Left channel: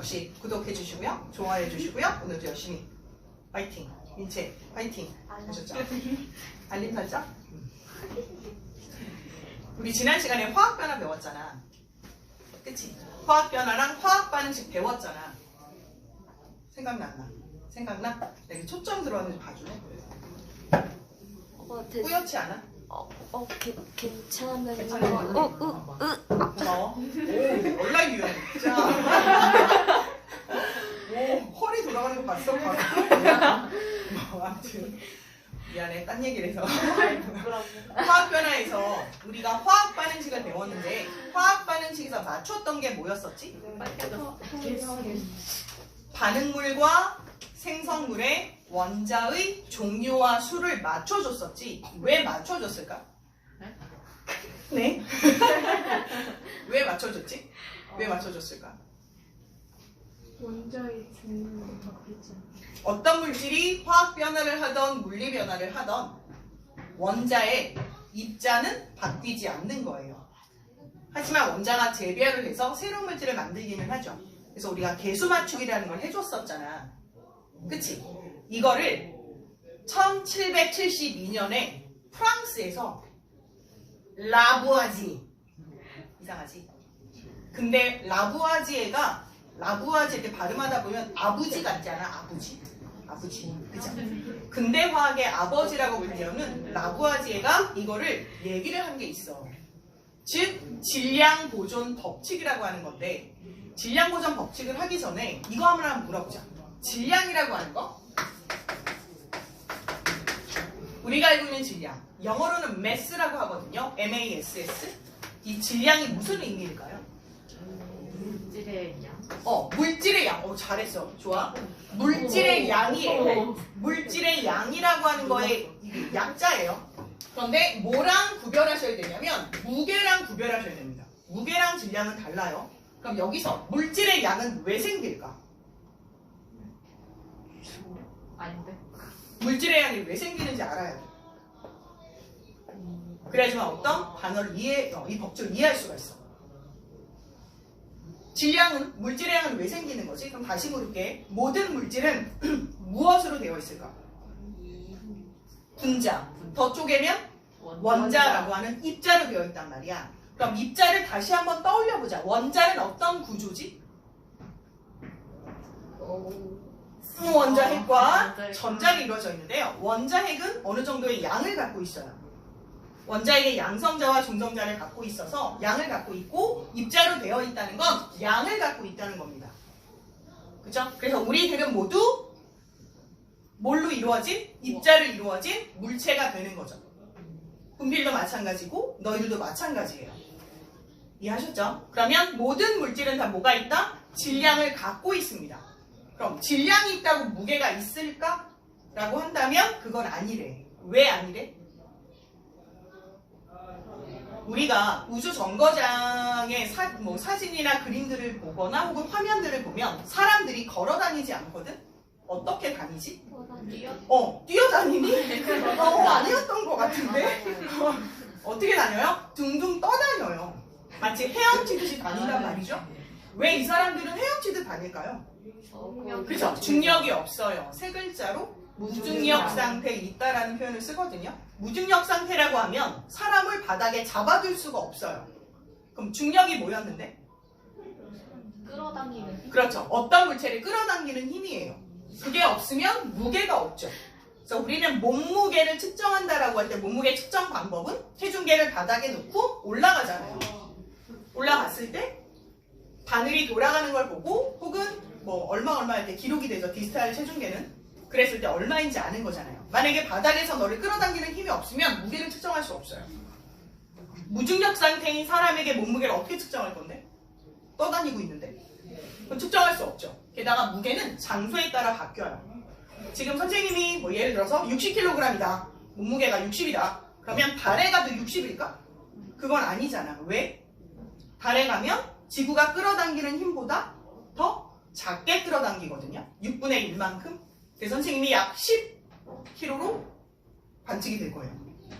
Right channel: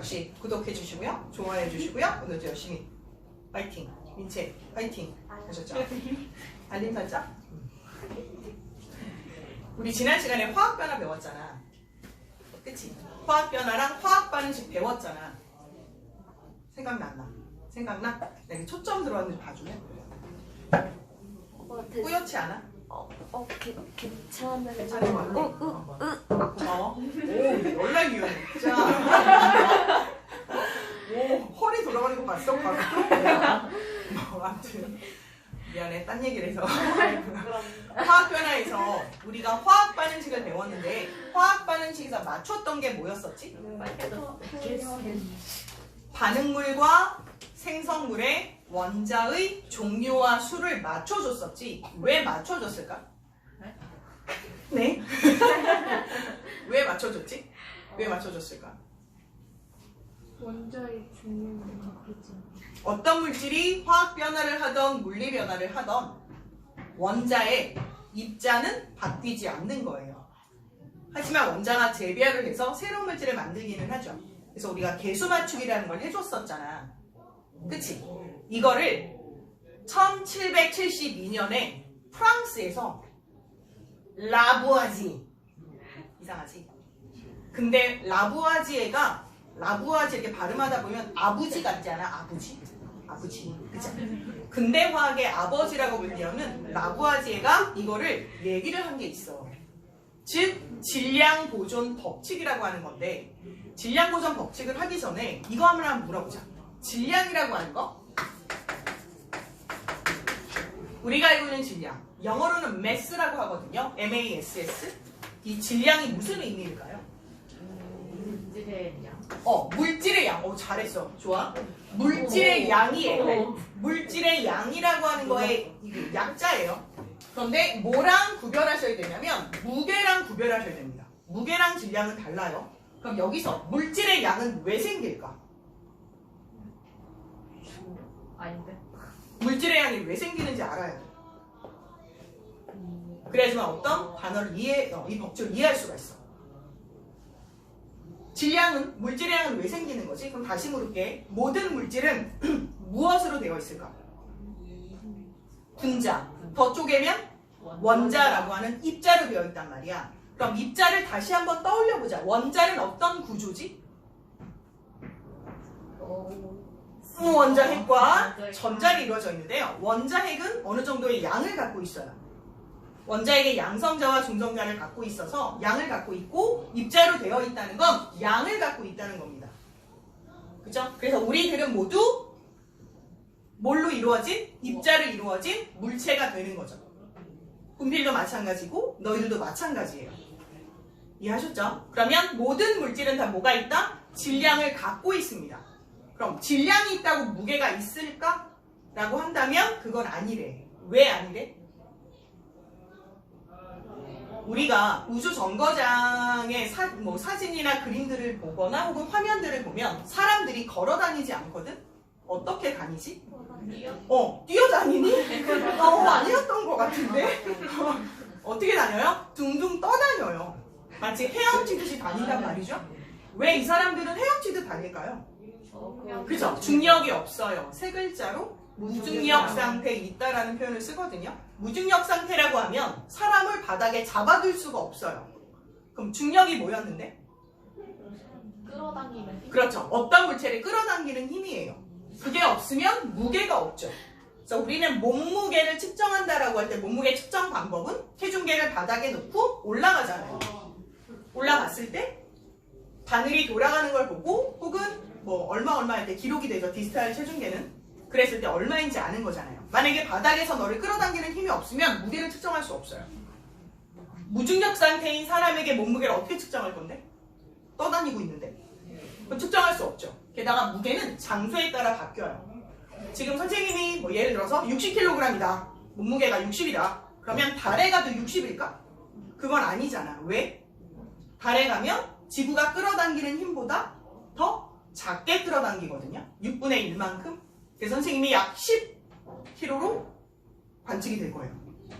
역시 구독해 주시고요. 좋아해 주시고요. 오늘도 열심히 파이팅. 민채 파이팅 하셨죠? 알림 설정? 우리 지난 시간에 화학 변화 배웠잖아. 그치? 화학 변화랑 화학 반응식 배웠잖아. 생각나? 내가 초점 들어왔는지 봐줄래? 뿌옇지 않아? 괜찮은 괜찮은 거 같아. 오, 연락 유연해. 진짜. 오, 허리 돌아가는 거 봤어? 가끔? 뭐, 아무튼. 미안해, 딴 얘기를 해서. 화학 변화에서 우리가 화학 반응식을 배웠는데, 화학 반응식에서 맞췄던 게 뭐였었지? 반응물과 생성물의 원자의 종류와 수를 맞춰줬었지. 왜 맞춰줬을까? 네? 왜 맞춰줬지? 왜 맞춰줬을까? 원자의 종류를 갖고 있잖아. 어떤 물질이 화학 변화를 하던 물리 변화를 하던 원자의 입자는 바뀌지 않는 거예요. 하지만 원자가 재배열을 해서 새로운 물질을 만들기는 하죠. 그래서 우리가 개수 맞추기라는 걸 해줬었잖아. 그치? 이거를 1772년에 프랑스에서 라부아지, 이상하지? 근데 라부아지에가 이렇게 발음하다 보면 아부지 같지 않아? 아부지, 그죠? 근대 화학의 아버지라고 불리우는 라부아지에가 이거를 얘기를 한 게 있어. 즉 질량 보존 법칙이라고 하는 건데, 질량 보존 법칙을 하기 전에 이거 한번 물어보자. 질량이라고 하는 거, 우리가 알고 있는 질량, 영어로는 mass라고 하거든요. mass. 이 질량이 무슨 의미일까요? 물질의 양. 물질의 양. 잘했어. 좋아. 물질의 양이에요. 물질의 양이라고 하는 거의 약자예요. 그런데 뭐랑 구별하셔야 되냐면 무게랑 구별하셔야 됩니다. 무게랑 질량은 달라요. 그럼 여기서 물질의 양은 왜 생길까? 아닌데? 물질의 양이 왜 생기는지 알아야 돼. 그래야지만 어떤 단어를 이 법칙을 이해할 수가 있어. 질량은, 물질의 양은 왜 생기는 거지? 그럼 다시 물을게. 모든 물질은 무엇으로 되어 있을까? 분자. 더 쪼개면 원자라고 하는 입자로 되어 있단 말이야. 그럼 입자를 다시 한번 떠올려보자. 원자는 어떤 구조지? 원자핵과 전자로 이루어져 있는데요. 원자핵은 어느 정도의 양을 갖고 있어요. 원자핵의 양성자와 중성자를 갖고 있어서 양을 갖고 있고, 입자로 되어 있다는 건 양을 갖고 있다는 겁니다. 그죠? 그래서 우리들은 모두 뭘로 이루어진? 입자로 이루어진 물체가 되는 거죠. 분필도 마찬가지고 너희들도 마찬가지예요. 이해하셨죠? 그러면 모든 물질은 다 뭐가 있다? 질량을 갖고 있습니다. 그럼 질량이 있다고 무게가 있을까? 라고 한다면 그건 아니래. 왜 아니래? 우리가 우주 정거장의 사진이나 그림들을 보거나 혹은 화면들을 보면 사람들이 걸어 다니지 않거든? 어떻게 다니지? 뛰어다니니? 아니었던 것 같은데? 어떻게 다녀요? 둥둥 떠다녀요. 마치 헤엄치듯이 다닌단 말이죠? 왜 이 사람들은 헤엄치듯 다닐까요? 그죠? 중력이 없어요. 세 글자로 무중력 상태에 있다라는 표현을 쓰거든요. 무중력 상태라고 하면 사람을 바닥에 잡아둘 수가 없어요. 그럼 중력이 뭐였는데? 끌어당기는. 그렇죠. 어떤 물체를 끌어당기는 힘이에요. 그게 없으면 무게가 없죠. 그래서 우리는 몸무게를 측정한다라고 할 때 몸무게 측정 방법은 체중계를 바닥에 놓고 올라가잖아요. 올라갔을 때 바늘이 돌아가는 걸 보고 혹은 얼마 할 때 기록이 되죠. 디지털 체중계는. 그랬을 때 얼마인지 아는 거잖아요. 만약에 바닥에서 너를 끌어당기는 힘이 없으면 무게를 측정할 수 없어요. 무중력 상태인 사람에게 몸무게를 어떻게 측정할 건데? 떠다니고 있는데. 그럼 측정할 수 없죠. 게다가 무게는 장소에 따라 바뀌어요. 지금 선생님이 예를 들어서 60kg이다. 몸무게가 60이다. 그러면 달에 가도 60일까? 그건 아니잖아. 왜? 달에 가면 지구가 끌어당기는 힘보다 더 작게 끌어당기거든요. 6분의 1만큼. 그래서 선생님이 약 10kg로 관측이 될 거예요.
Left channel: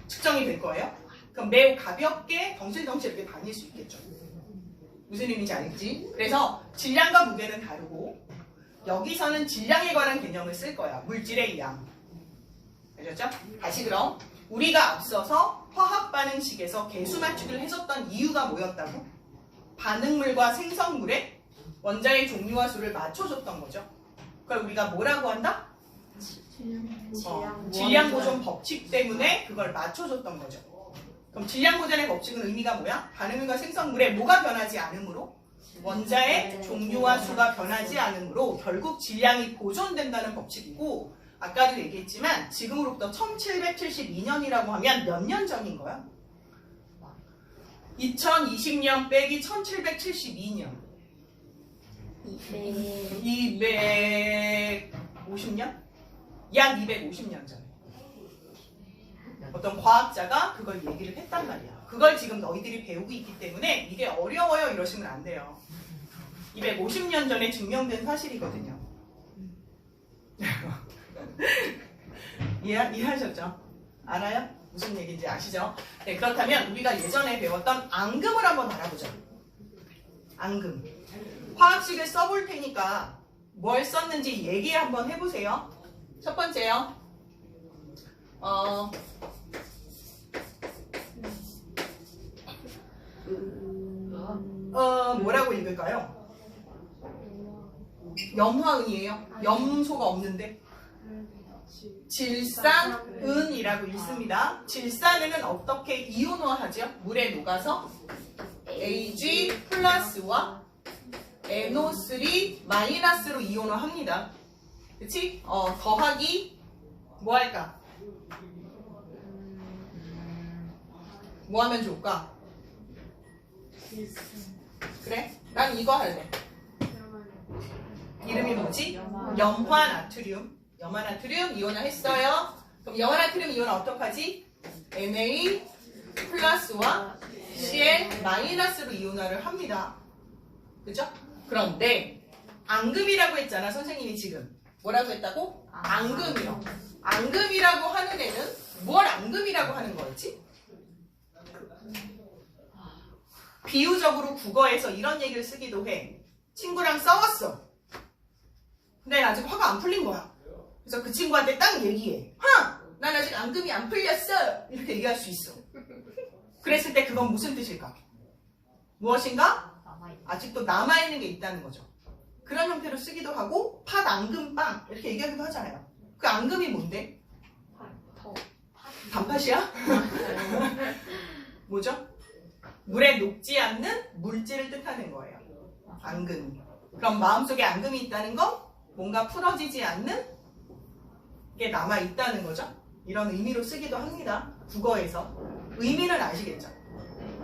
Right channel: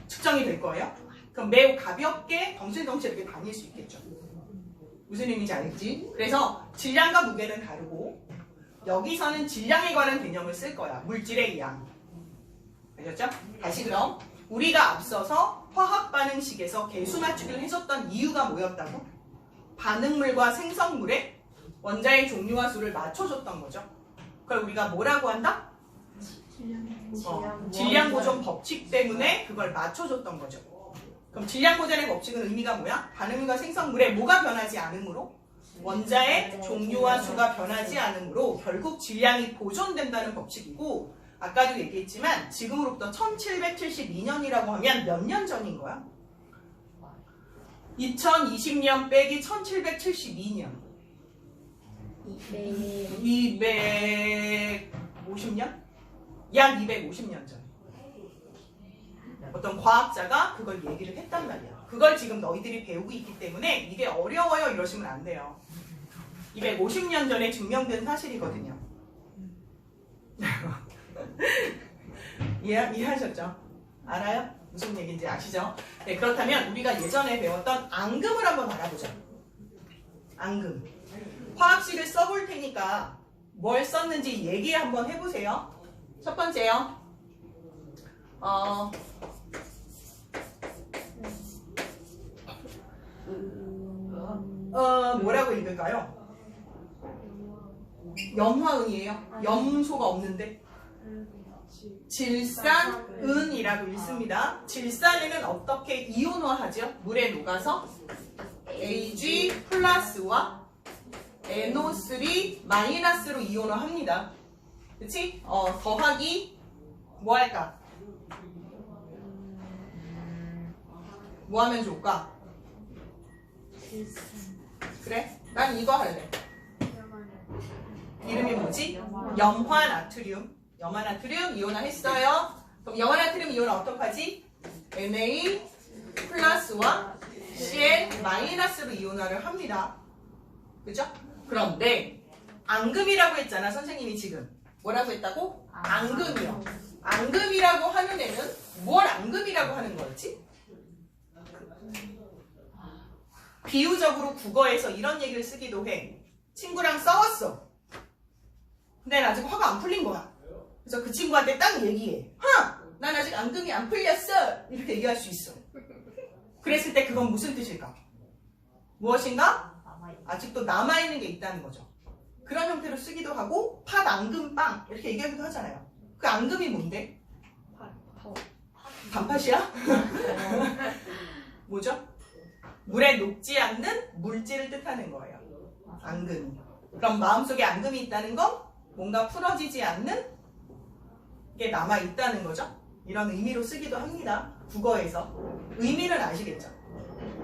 측정이 될 거예요. 그럼 매우 가볍게 덩실덩실 이렇게 다닐 수 있겠죠. 무슨 의미인지 알겠지? 그래서 질량과 무게는 다르고 여기서는 질량에 관한 개념을 쓸 거야. 물질의 양. 알겠죠? 다시 그럼 우리가 앞서서 화학 반응식에서 개수 맞추기를 해줬던 이유가 뭐였다고? 반응물과 생성물의 원자의 종류와 수를 맞춰줬던 거죠. 그걸 우리가 뭐라고 한다? 질량 보존 법칙 때문에 그걸 맞춰줬던 거죠. 그럼 질량 보존의 법칙은 의미가 뭐야? 반응물과 생성물의 뭐가 변하지 않으므로 원자의 종류와 수가 변하지 않으므로 결국 질량이 보존된다는 법칙이고, 아까도 얘기했지만 지금으로부터 1772년이라고 하면 몇 년 전인 거야? 2020년 빼기 1772년 250년? 약 250년 전 어떤 과학자가 그걸 얘기를 했단 말이야. 그걸 지금 너희들이 배우고 있기 때문에 이게 어려워요 이러시면 안 돼요. 250년 전에 증명된 사실이거든요. 이해하셨죠? 알아요? 무슨 얘기인지 아시죠? 네, 그렇다면 우리가 예전에 배웠던 앙금을 한번 알아보자. 앙금. 화학식을 써볼 테니까 뭘 썼는지 얘기 한번 해보세요. 첫 번째요. 뭐라고 읽을까요? 염화은이에요. 염소가 없는데. 질산은이라고 읽습니다. 질산은은 어떻게 이온화하죠? 물에 녹아서 Ag 플러스와 NO3 마이너스로 이온화합니다. 그치? 더하기 뭐 할까? 뭐 하면 좋을까? 그래? 난 이거 할래. 이름이 뭐지? 염화나트륨. 염화나트륨 이온화했어요. 그럼 염화나트륨 이온화 어떡하지? Na 플러스와 Cl 마이너스로 이온화를 합니다. 그죠? 그런데 앙금이라고 했잖아 선생님이 지금. 뭐라고 했다고? 앙금이요. 앙금이라고 하는 애는 뭘 앙금이라고 하는 거였지? 비유적으로 국어에서 이런 얘기를 쓰기도 해. 친구랑 싸웠어. 근데 아직 화가 안 풀린 거야. 그래서 그 친구한테 딱 얘기해. 난 아직 앙금이 안 풀렸어. 이렇게 얘기할 수 있어. 그랬을 때 그건 무슨 뜻일까? 무엇인가? 아직도 남아있는 게 있다는 거죠. 그런 형태로 쓰기도 하고 팥, 앙금, 빵 이렇게 얘기하기도 하잖아요. 그 앙금이 뭔데? 단팥이야? 뭐죠? 물에 녹지 않는 물질을 뜻하는 거예요. 앙금이. 그럼 마음속에 앙금이 있다는 건 뭔가 풀어지지 않는 게 남아있다는 거죠. 이런 의미로 쓰기도 합니다. 국어에서. 의미는 아시겠죠?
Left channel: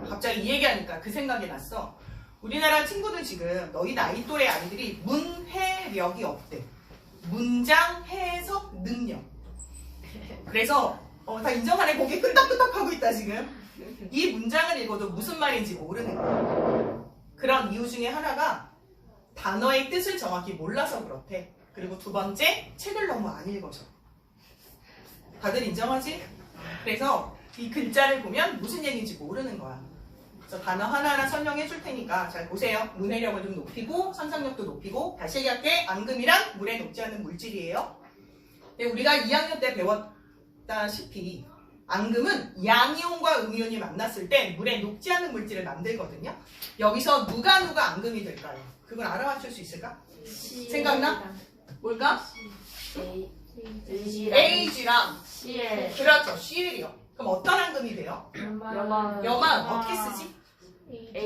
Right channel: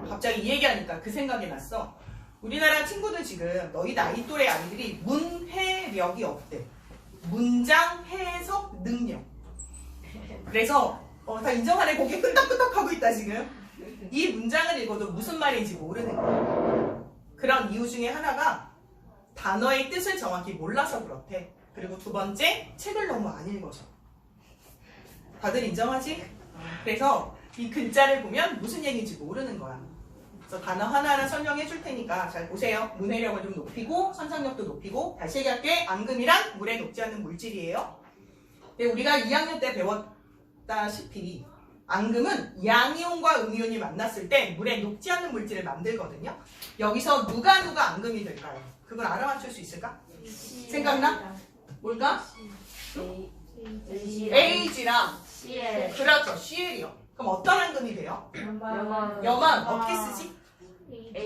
갑자기 이 얘기하니까 그 생각이 났어. 우리나라 친구들 지금 너희 나이 또래 아이들이 문해력이 없대. 문장 해석 능력. 그래서 다 인정하네. 고개 끄덕끄덕 하고 있다 지금. 이 문장을 읽어도 무슨 말인지 모르는 거예요. 그런 이유 중에 하나가 단어의 뜻을 정확히 몰라서 그렇대. 그리고 두 번째, 책을 너무 안 읽어서. 다들 인정하지? 그래서 이 글자를 보면 무슨 얘기인지 모르는 거야. 그래서 단어 하나하나 설명해 줄 테니까 잘 보세요. 문해력을 좀 높이고 선상력도 높이고. 다시 얘기할게. 앙금이란 물에 녹지 않는 물질이에요. 우리가 2학년 때 배웠다시피 앙금은 양이온과 음이온이 만났을 때 물에 녹지 않는 물질을 만들거든요. 여기서 누가 앙금이 될까요? 그걸 알아맞힐 수 있을까? 생각나? 뭘까? Ag랑 Cl. 그렇죠. Cl이요. 그럼 어떤 앙금이 돼요? 염화은 어떻게 쓰지?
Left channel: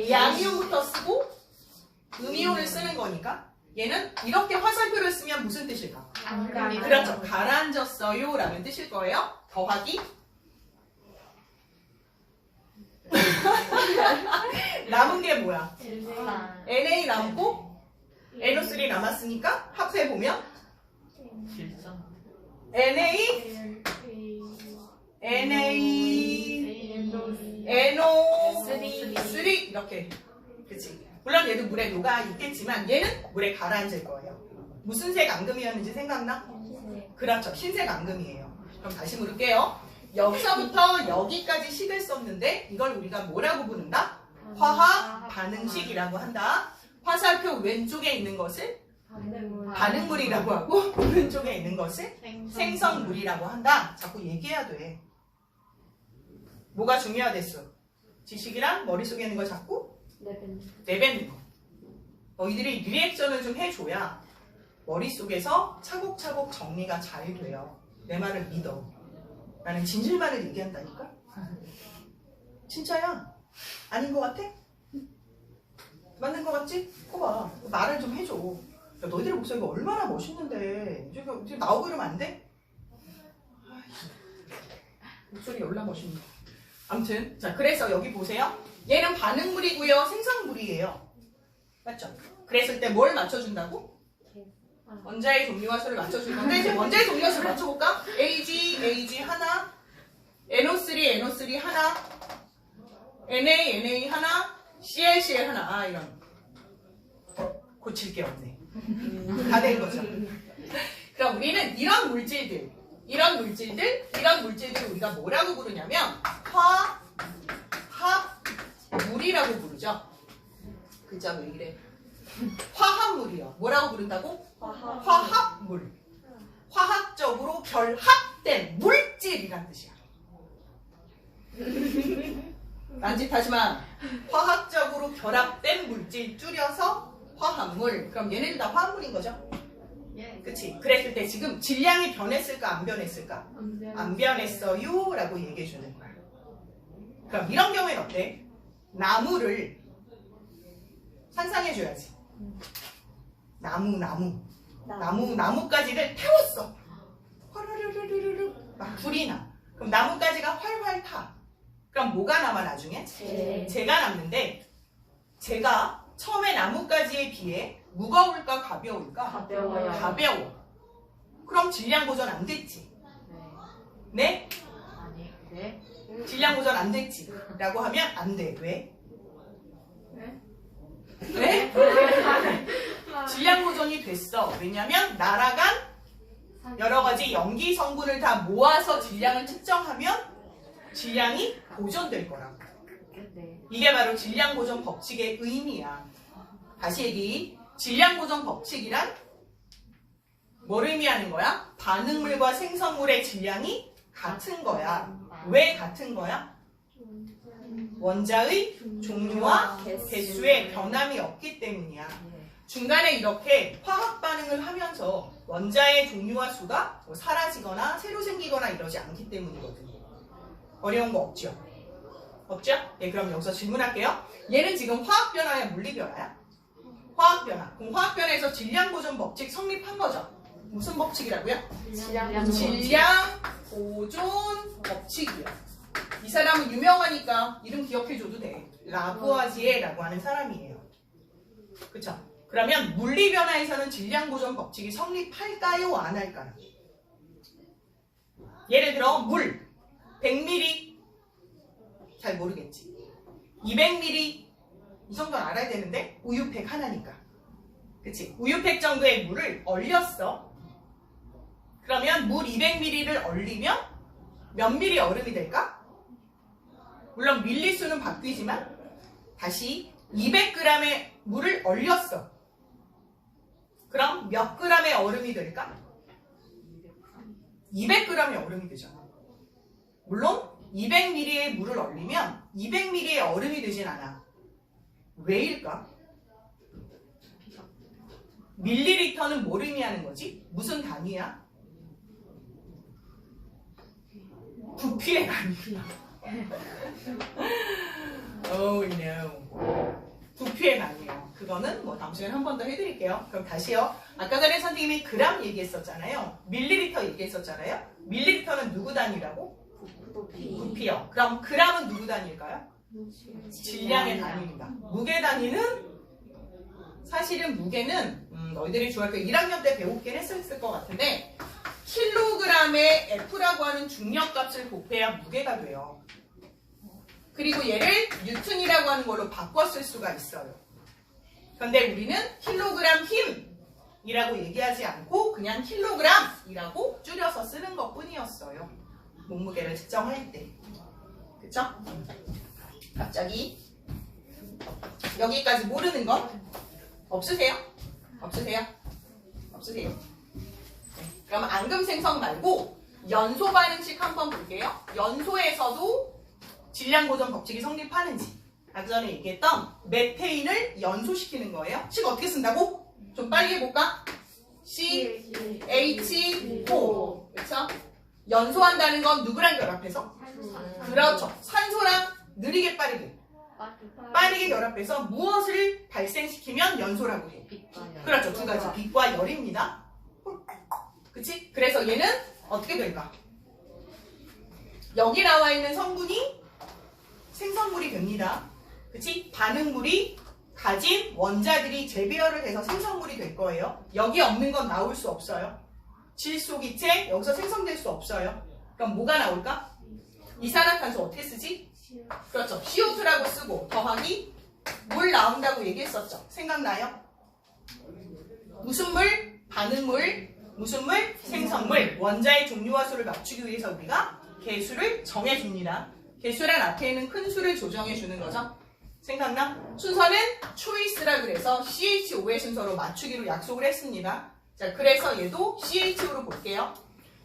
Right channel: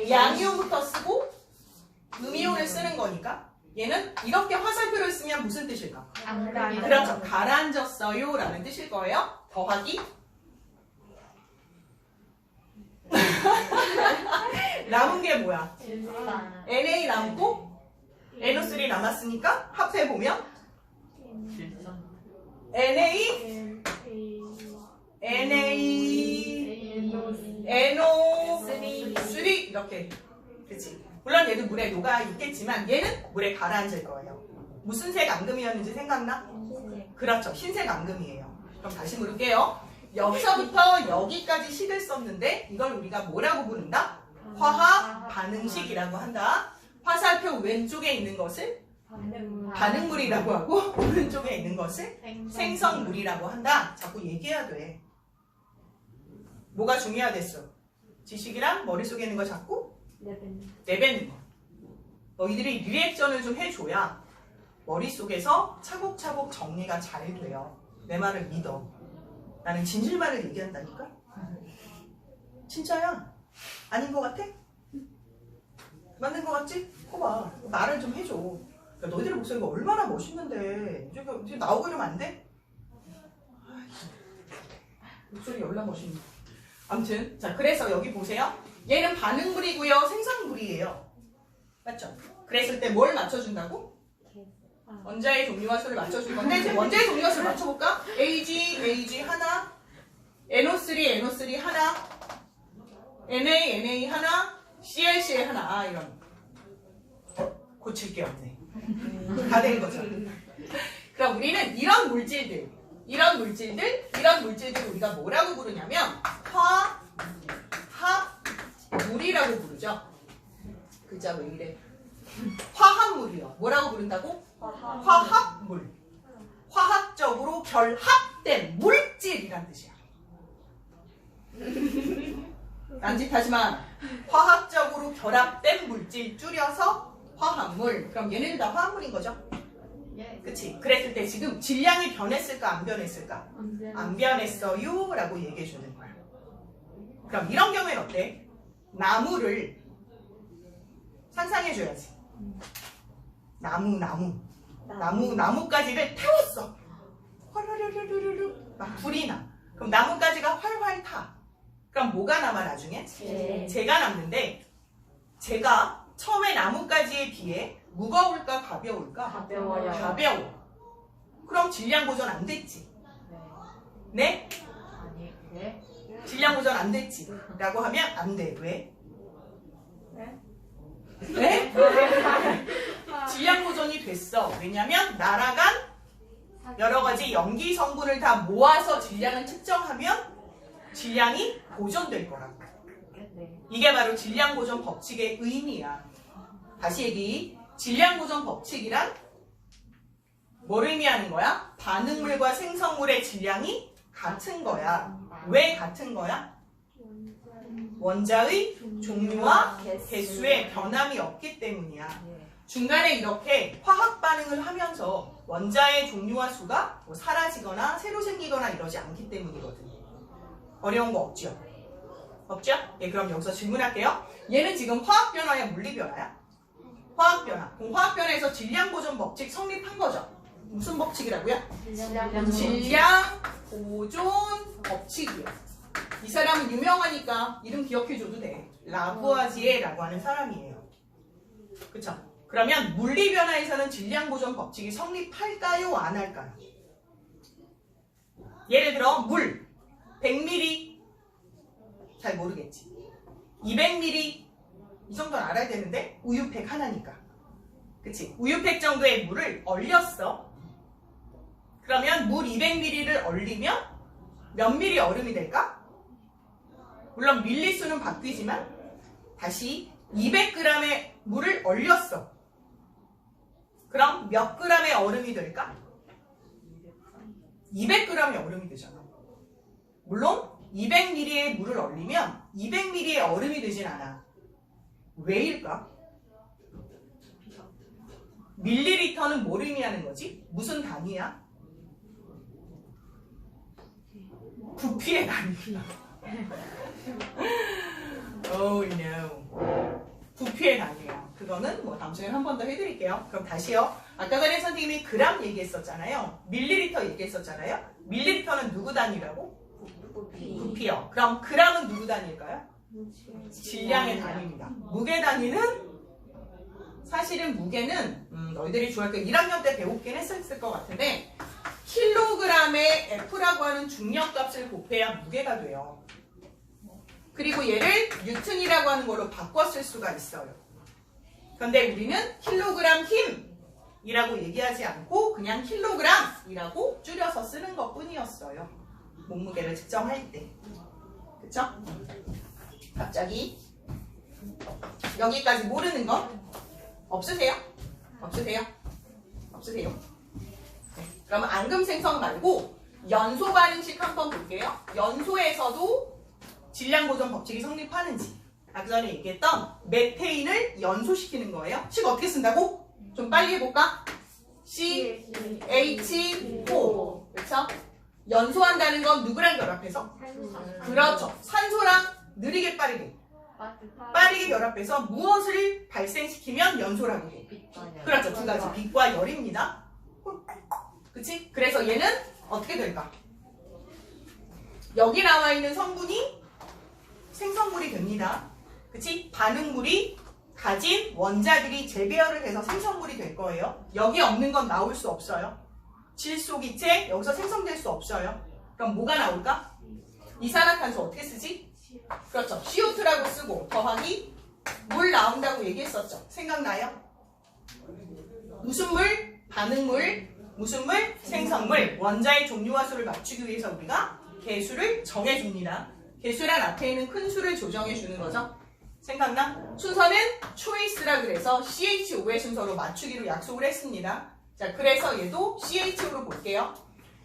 양이온부터 쓰고 음이온을 쓰는 거니까 얘는 이렇게 화살표를 쓰면 무슨 뜻일까? 그렇죠. 가라앉았어요 라는 뜻일 거예요. 더하기 남은 게 뭐야? Na 남고 NO3 남았으니까 합해보면 NO3 이렇게. 그치? 물론 얘도 물에 녹아 있겠지만 얘는 물에 가라앉을 거예요. 무슨 색 앙금이었는지 생각나? 그렇죠. 흰색 앙금이에요. 그럼 다시 물을게요. 여기서부터 여기까지 식을 썼는데 이걸 우리가 뭐라고 부른다? 화학 반응식이라고 한다. 화살표 왼쪽에 있는 것을 반응물이라고 하고 오른쪽에 있는 것을 생성물이라고 한다. 자꾸 얘기해야 돼. 뭐가 중요하댔어? 지식이랑 머릿속에 있는 거 자꾸 내뱉는 거. 너희들이 리액션을 좀 해줘야 머릿속에서 차곡차곡 정리가 잘 돼요. 내 말을 믿어. 나는 진실만을 얘기한다니까? 진짜야? 아닌 것 같아? 맞는 것 같지? 거봐. 말을 좀 해줘. 야, 너희들의 목소리가 얼마나 멋있는데 지금 나오고 이러면 안 돼? 목소리 열나 멋있네. 아무튼 자, 그래서 여기 보세요. 얘는 반응물이고요, 생성물이에요. 맞죠? 그랬을 때 뭘 맞춰준다고? 원자의 종류와 수를 맞춰줄 건데 이제 원자의 종류와 수를 맞춰볼까? AG 하나, NO3 하나, Na 하나, ClCl 하나. 아, 이런 고칠 게 없네. 다 된 거죠. 그럼 우리는 이런 물질들 우리가 뭐라고 부르냐면 화합물이라고 부르죠. 글자 왜 이래? 화합물이요. 뭐라고 부른다고? 화합물. 화학적으로 결합된 물질이란 뜻이야. 딴짓하지 마. 화학적으로 결합된 물질 줄여서 화합물. 그럼 얘네들 다 화합물인 거죠? 그치? 그랬을 때 지금 질량이 변했을까 안 변했을까? 안 변했어요 라고 얘기해 주는 거야. 그럼 이런 경우에는 어때? 나무를 상상해 줘야지. 나뭇가지를 태웠어. 화르르르르르 막 불이 나. 그럼 나뭇가지가 활활 타. 그럼 뭐가 남아 나중에? 재가 남는데 재가 처음에 나뭇가지에 비해 무거울까 가벼울까? 가벼워. 그럼 질량 보존 안 됐지. 네? 아니, 왜? 질량 보존 안 됐지. 라고 하면 안 돼. 왜? 네? 질량 보존이 됐어. 왜냐면 날아간 여러 가지 염기 성분을 다 모아서 질량을 측정하면 질량이 보존될 거라고. 이게 바로 질량 보존 법칙의 의미야. 다시 얘기. 질량 보존 법칙이란 뭘 의미하는 거야? 반응물과 생성물의 질량이 같은 거야. 왜 같은 거야? 원자의 종류와 개수에 변함이 없기 때문이야. 중간에 이렇게 화학 반응을 하면서 원자의 종류와 수가 뭐 사라지거나 새로 생기거나 이러지 않기 때문이거든. 어려운 거 없죠? 없죠? 예, 그럼 여기서 질문할게요. 얘는 지금 화학 변화야, 물리 변화야? 화학 변화. 그럼 화학 변화에서 질량 보존 법칙 성립한 거죠? 무슨 법칙이라고요? 질량 보존 법칙이요. 이 사람은 유명하니까 이름 기억해줘도 돼. 라부아지에라고 하는 사람이에요. 그쵸? 그러면 물리 변화에서는 질량 보존 법칙이 성립할까요? 안 할까요? 예를 들어 물 100ml 잘 모르겠지. 200ml 이 정도는 알아야 되는데 우유팩 하나니까. 그치? 우유팩 정도의 물을 얼렸어. 그러면 물 200ml를 얼리면 몇 ml 얼음이 될까? 물론 밀리수는 바뀌지만 다시 200g의 물을 얼렸어. 그럼 몇 g의 얼음이 될까? 200g의 얼음이 되잖아. 물론 200ml의 물을 얼리면 200ml의 얼음이 되진 않아. 왜일까? 밀리리터는 뭘 의미하는 거지? 무슨 단위야? 부피의 단위야. Oh no. 부피의 단위야. 그거는 뭐 다음 시간에 한 번 더 해드릴게요. 그럼 다시요. 아까 전에 선생님이 그램 얘기했었잖아요. 밀리리터 얘기했었잖아요. 밀리리터는 누구 단위라고? 부피요. 그럼 그램은 누구 단위일까요? 질량의 단위입니다. 무게 단위는 사실은 무게는 너희들이 중학교 1학년 때 배우긴 했을 것 같은데 킬로그램의 F라고 하는 중력값을 곱해야 무게가 돼요. 그리고 얘를 뉴턴이라고 하는 걸로 바꿔 쓸 수가 있어요. 그런데 우리는 킬로그램 힘이라고 얘기하지 않고 그냥 킬로그램이라고 줄여서 쓰는 것 뿐이었어요. 몸무게를 측정할 때. 그쵸? 갑자기 여기까지 모르는 거 없으세요? 없으세요? 없으세요? 네. 그럼 앙금 생성 말고 연소 반응식 한번 볼게요. 연소에서도 질량 보존 법칙이 성립하는지. 아까 전에 얘기했던 메테인을 연소시키는 거예요. 식 어떻게 쓴다고? 좀 빨리 해볼까? CH4. 그렇죠? 연소한다는 건 누구랑 결합해서? 그렇죠. 산소랑 느리게 빠르게 결합해서 무엇을 발생시키면 연소라고 해? 그렇죠. 두 가지. 빛과 열입니다. 그치? 그래서 얘는 어떻게 될까? 여기 나와 있는 성분이 생성물이 됩니다. 그치? 반응물이 가진 원자들이 재배열을 해서 생성물이 될 거예요. 여기 없는 건 나올 수 없어요. 질소기체 여기서 생성될 수 없어요. 그럼 뭐가 나올까? 이산화탄소 어떻게 쓰지? 그렇죠. CO2라고 쓰고 더하기 물 나온다고 얘기했었죠. 생각나요? 무슨 물? 반응물. 무슨 물? 생성물. 원자의 종류와 수를 맞추기 위해서 우리가 개수를 정해줍니다. 개수란 앞에 있는 큰 수를 조정해 주는 거죠. 생각나? 순서는 초이스라 그래서 CH5의 순서로 맞추기로 약속을 했습니다. 자, 그래서 얘도 CH로 볼게요.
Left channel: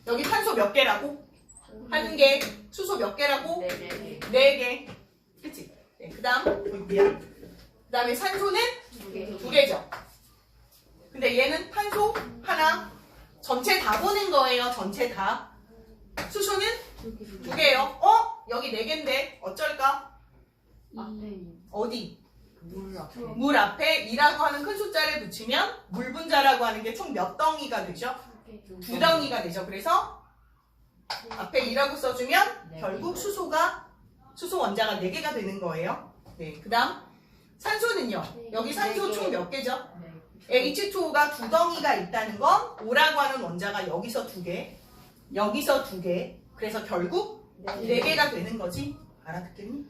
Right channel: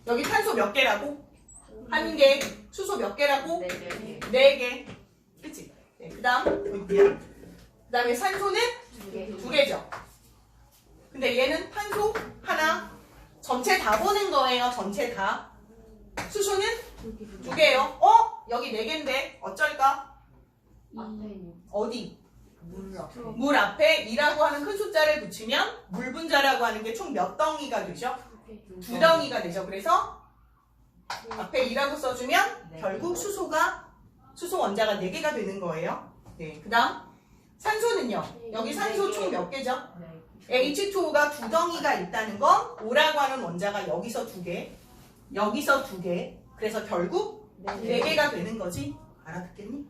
여기 탄소 몇 개라고? 한 개. 수소 몇 개라고? 네 개. 그치? 네, 그 다음 그 다음에 산소는 두 개죠. 근데 얘는 탄소 하나. 전체 다 보는 거예요. 전체 다. 수소는 두 개예요. 여기 네 개인데 어쩔까? 어디? 물 앞에 2라고 하는 큰 숫자를 붙이면 물 분자라고 하는 게 총 몇 덩이가 되죠? 두 덩이가 되죠. 그래서 앞에 2라고 써주면 결국 수소 원자가 4개가 되는 거예요. 네, 그 다음 산소는요. 여기 산소 총 몇 개죠? H2O가 두 덩이가 있다는 건 O라고 하는 원자가 여기서 2개, 여기서 2개. 그래서 결국 4개가 되는 거지. 알아듣겠니?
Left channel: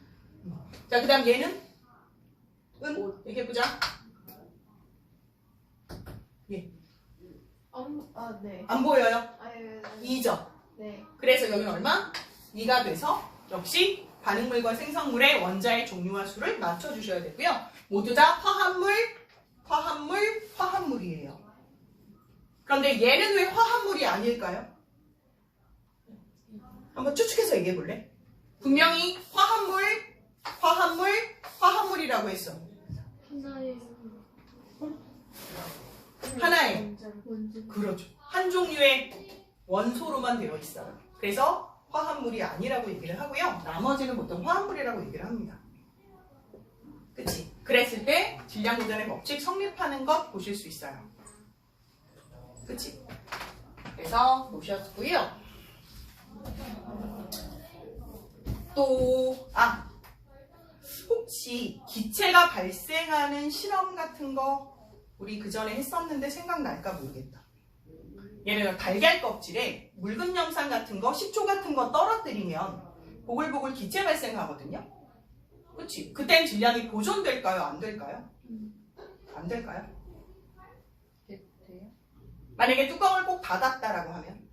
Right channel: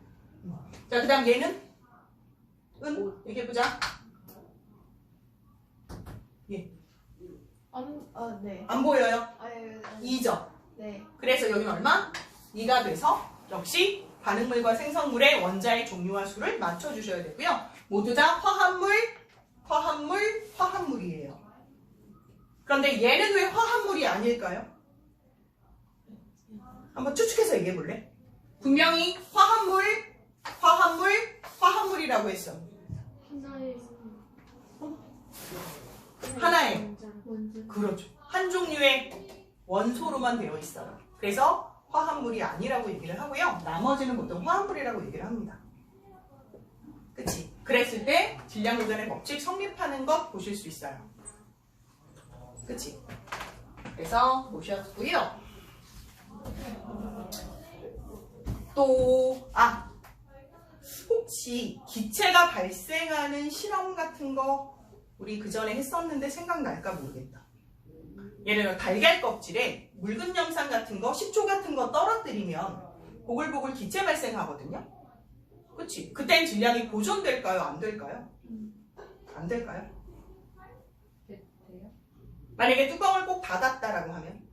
자, 그 다음 얘는? 얘기해보자. 예. 네. 안 보여요? 네. 2죠. 네. 그래서 여기는 얼마? 2가 돼서 역시 반응물과 생성물의 원자의 종류와 수를 맞춰주셔야 되고요. 모두 다 화합물이에요. 그런데 얘는 왜 화합물이 아닐까요? 한번 추측해서 얘기해 볼래? 분명히 화합물이라고 했어. 하나의 원자. 그렇죠. 한 종류의 원소로만 되어 있어요. 그래서 화합물이 아니라고 얘기를 하고요. 나머지는 보통 화합물이라고 얘기를 합니다. 그치? 그랬을 때 질량보존의 법칙 성립하는 것 보실 수 있어요. 그치? 그래서 보셨고요. 또 혹시 기체가 발생하는 실험 같은 거 우리 그 전에 했었는데 생각날까 모르겠다. 예를 들어 달걀 껍질에 묽은 염산 같은 거, 식초 같은 거 떨어뜨리면 보글보글 기체 발생하거든요. 그치? 그땐 질량이 보존될까요? 안 될까요? 안 될까요? 만약에 뚜껑을 꼭 닫았다라고 하면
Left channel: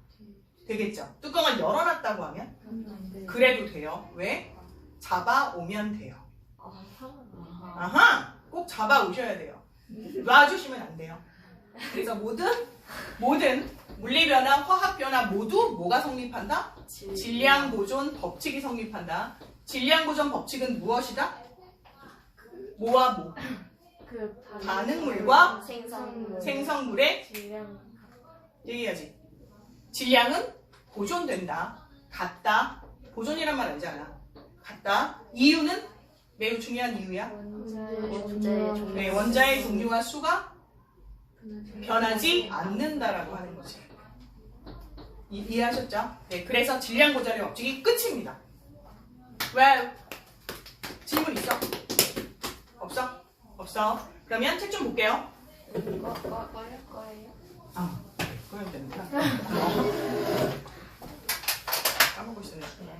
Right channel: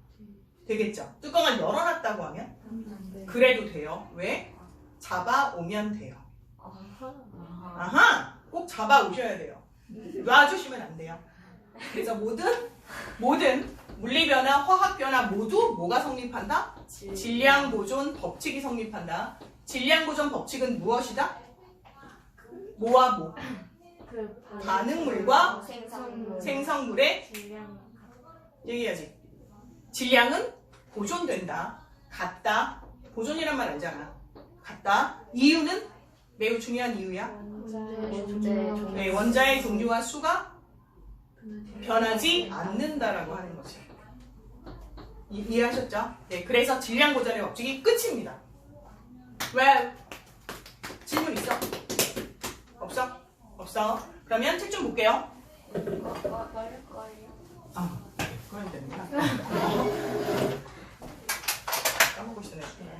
되겠죠. 뚜껑을 열어놨다고 하면 그래도 돼요. 왜? 잡아오면 돼요. 아하! 꼭 잡아오셔야 돼요. 놔주시면 안 돼요. 그래서 모든 물리변화, 화학변화 모두 뭐가 성립한다? 질량보존 법칙이 성립한다. 질량보존 법칙은 무엇이다? 뭐와 뭐? 반응물과 생성물의 얘기해야지. 질량은 보존된다. 같다. 보존이란 말 알잖아. 같다. 이유는 매우 중요한 이유야. 네, 원자의 종류와 수가 변하지 않는다라고 하는 거지. 이해하셨죠? 네, 그래서 질량 보존의 법칙이 끝입니다. 왜? 질문 있어? 없어? 없어? 그러면 책 좀 볼게요. 그러면 되는구나. 까먹고 있었네.